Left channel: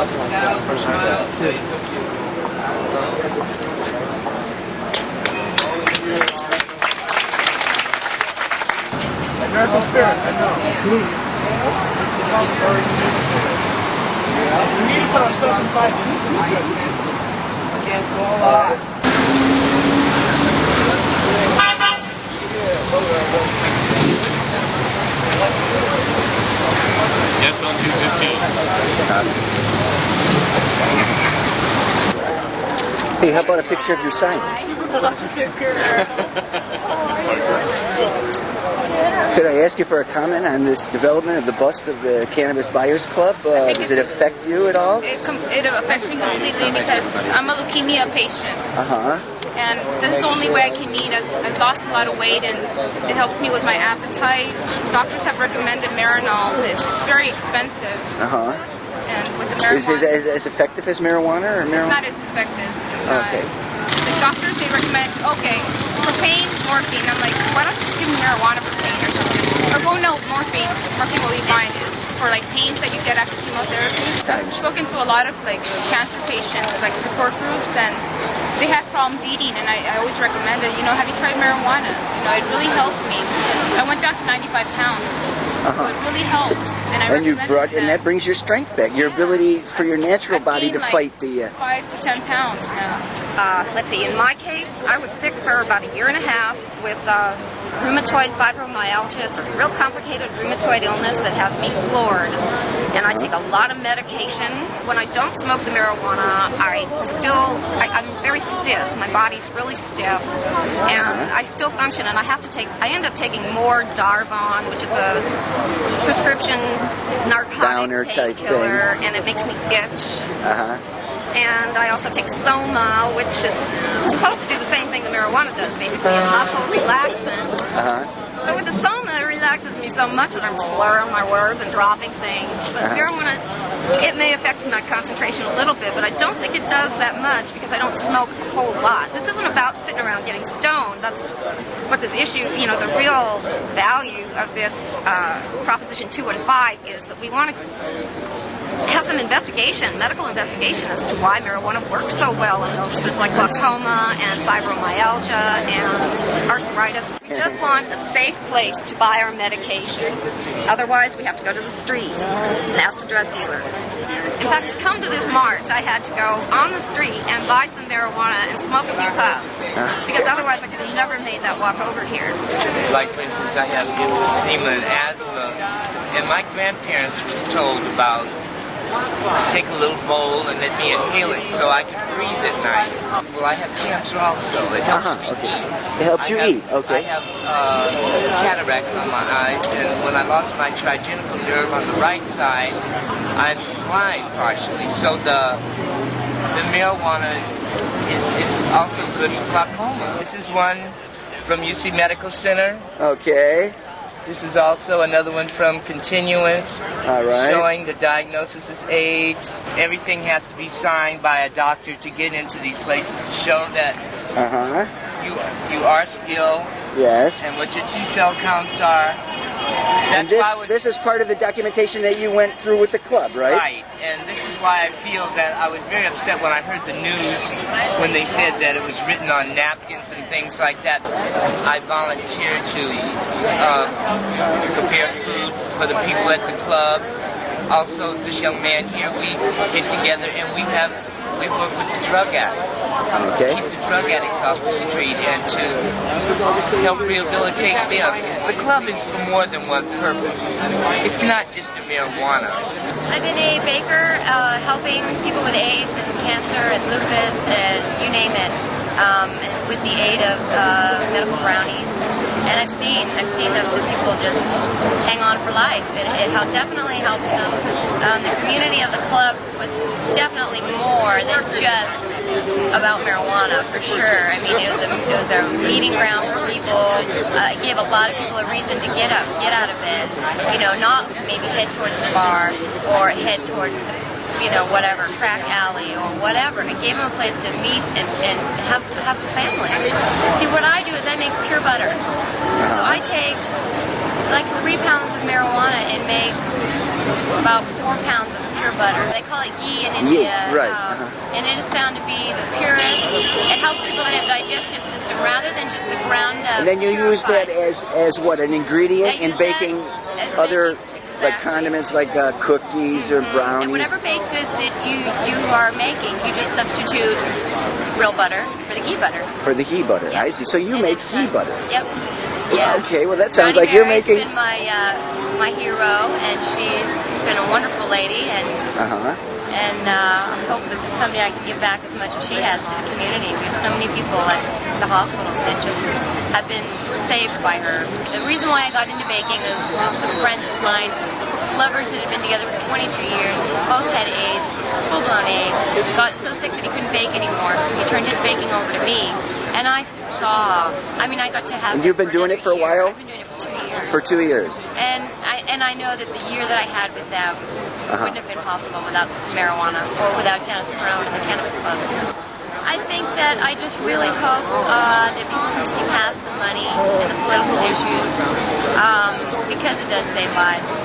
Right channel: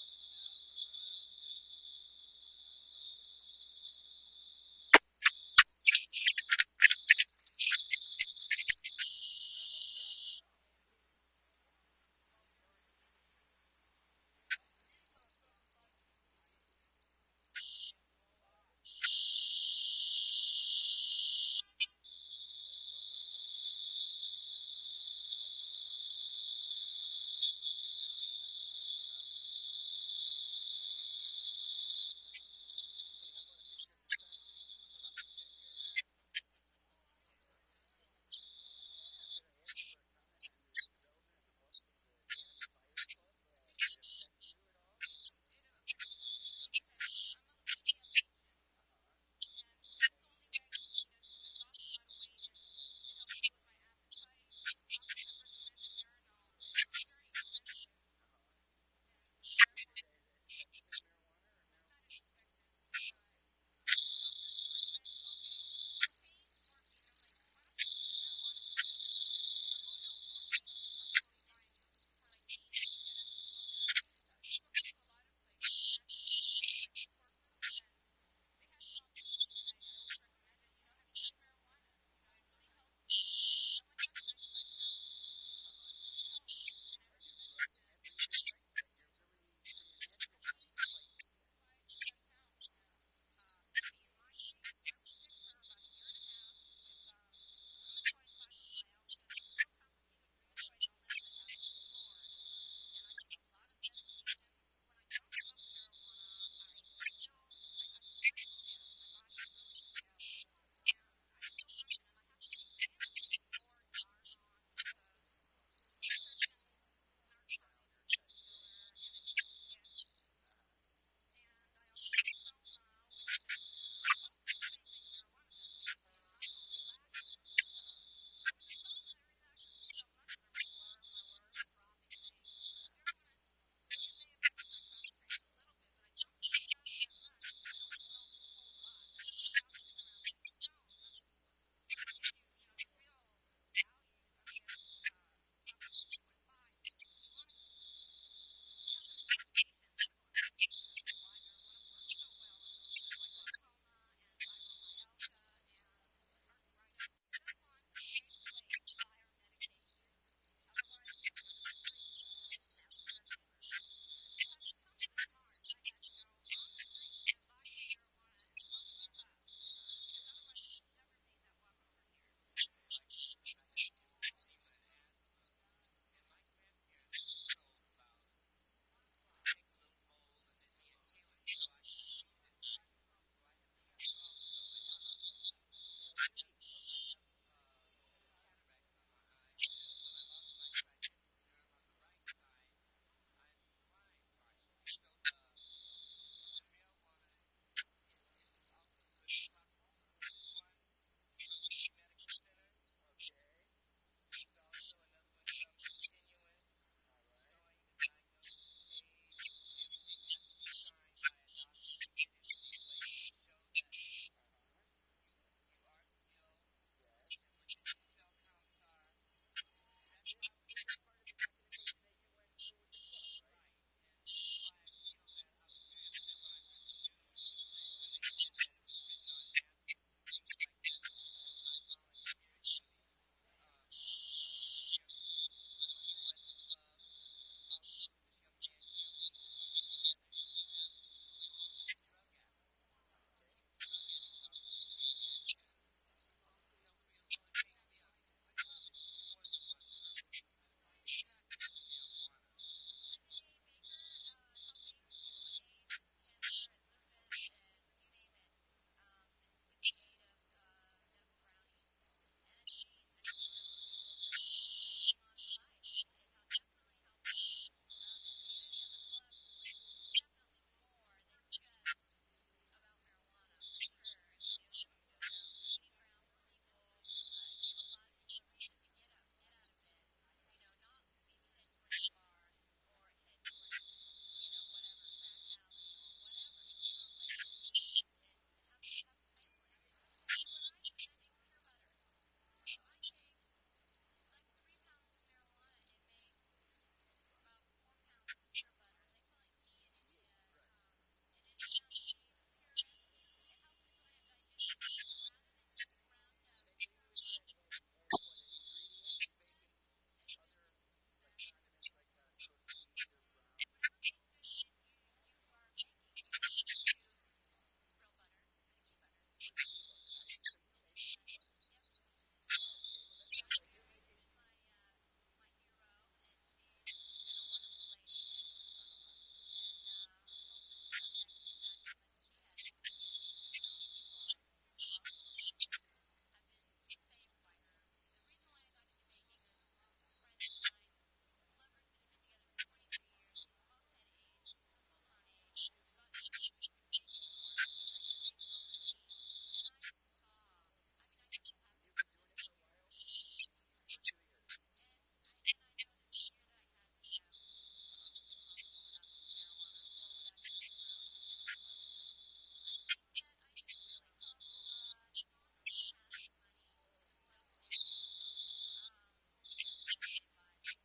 American spirit, I know. We need to put our stuff inside. Against all odds. Yes, on 215. Hey, how about a picture of your sign? Could I ask you for a comment on this development of the bust of the Cannabis Buyers Club? Does it affect you at all? It affects me completely because I'm a leukemia patient. Uh-huh. And this is the only way I can eat. I've lost a lot of weight, and it helps me with my appetite. Doctors have recommended Marinol. It's very expensive. Uh-huh. And with the marijuana... Is it as effective as marijuana? Or marijuana? It's not as effective. It's not. Okay. The doctors, they recommend, okay, for pain, morphine. I'm like, why don't you just give me marijuana for pain or something? Or go, no, morphine. Morphine will be fine. For like pains that you get after chemotherapy. I've spoken to a lot of like cancer patients, like support groups, and they have problems eating, and I always recommend it. You know, have you tried marijuana? You know, it really helped me because I went down to 95 pounds. So it really helps, and I recommend it to them. And that brings your strength back, your ability for your natural body to fight the... 5 to 10 pounds now. Let's see, in my case, I was sick for about a year and a half with rheumatoid fibromyalgia. It's a real complicated rheumatoid illness that has me floored. And I take a lot of medication. When I don't smoke the marijuana, I'm very stiff. My body's really stiff. And I still function, and I end up taking more Darvon, which is a prescription narcotic painkiller, and it makes me itch. And I also take Soma, which is supposed to do the same thing that marijuana does, basically a muscle relaxant. But with the Soma, it relaxes me so much that I'm slurring my words and dropping things. But marijuana, it may affect my concentration a little bit, but I don't think it does that much because I don't smoke a whole lot. This isn't about sitting around getting stoned. That's what this issue, you know, the real value of this Proposition 215 is that we want to have some investigation, medical investigation, as to why marijuana works so well in illnesses like glaucoma and fibromyalgia and arthritis. We just want a safe place to buy our medication. Otherwise, we have to go to the streets and ask the drug dealers. In fact, to come to this march, I had to go on the street and buy some marijuana and smoke a few puffs, because otherwise I could have never made that walk over here. Like, for instance, I have emphysema and asthma, and my grandparents was told about take a little bowl and let me inhale it so I can breathe at night. Well, I have cancer also. It helps me eat. It helps you eat, okay. I have cataracts on my eyes, and when I lost my trigenital nerve on the right side, I'm blind partially. So the marijuana is also good for glaucoma. This is one from UC Medical Center. Okay. This is also another one from Continuous, showing the diagnosis is AIDS. Everything has to be signed by a doctor to get into these places to show that you are ill. Yes. And what your T-cell counts are. And this is part of the documentation that you went through with the club, right? Right. And this is why I feel that I was very upset when I heard the news when they said that it was written on napkins and things like that. I volunteered to prepare food for the people at the club. Also, this young man here, we get together and we work with the drug addicts. Okay. Keep the drug addicts off the street and to help rehabilitate them. The club is for more than one purpose. It's not just the marijuana. I've been a baker helping people with AIDS and cancer and lupus and you name it, with the aid of medical brownies. And I've seen that the people just hang on for life. It definitely helps them. The community of the club was definitely more than just about marijuana, for sure. I mean, it was a meeting ground for people. It gave a lot of people a reason to get up, get out of bed. You know, not maybe head towards the bar or head towards the, you know, whatever, crack alley or whatever. It gave them a place to meet and have a family. See, what I do is I make pure butter. So I take like 3 pounds of marijuana and make about 4 pounds of pure butter. They call it ghee in India. right. And it is found to be the purest. It helps people that have digestive system rather than just the ground up. And then you use that as what, an ingredient in baking other like condiments like cookies or brownies? And whatever baked goods that you are making, you just substitute real butter for the ghee butter. For the ghee butter, Yep. I see. So you And make it's, ghee butter. Yep. Yeah. Okay, well that sounds Johnny like you're Mary's making... been my hero, and she's been a wonderful lady, and I hope that someday I can give back as much as she has to the community. We have so many people at the hospitals that just have been saved by her. The reason why I got into baking is some friends of mine, lovers that had been together for 22 years, both had AIDS, full-blown AIDS, got so sick that he couldn't bake anymore, so he turned his baking over to me. And I got to have... And you've been doing it for a while? I've been doing it for 2 years. For 2 years. And I know that the year that I had with them wouldn't have been possible without marijuana or without Dennis Peron and the Cannabis Club. I think that I just really hope that people can see past the money and the political issues because it does save lives.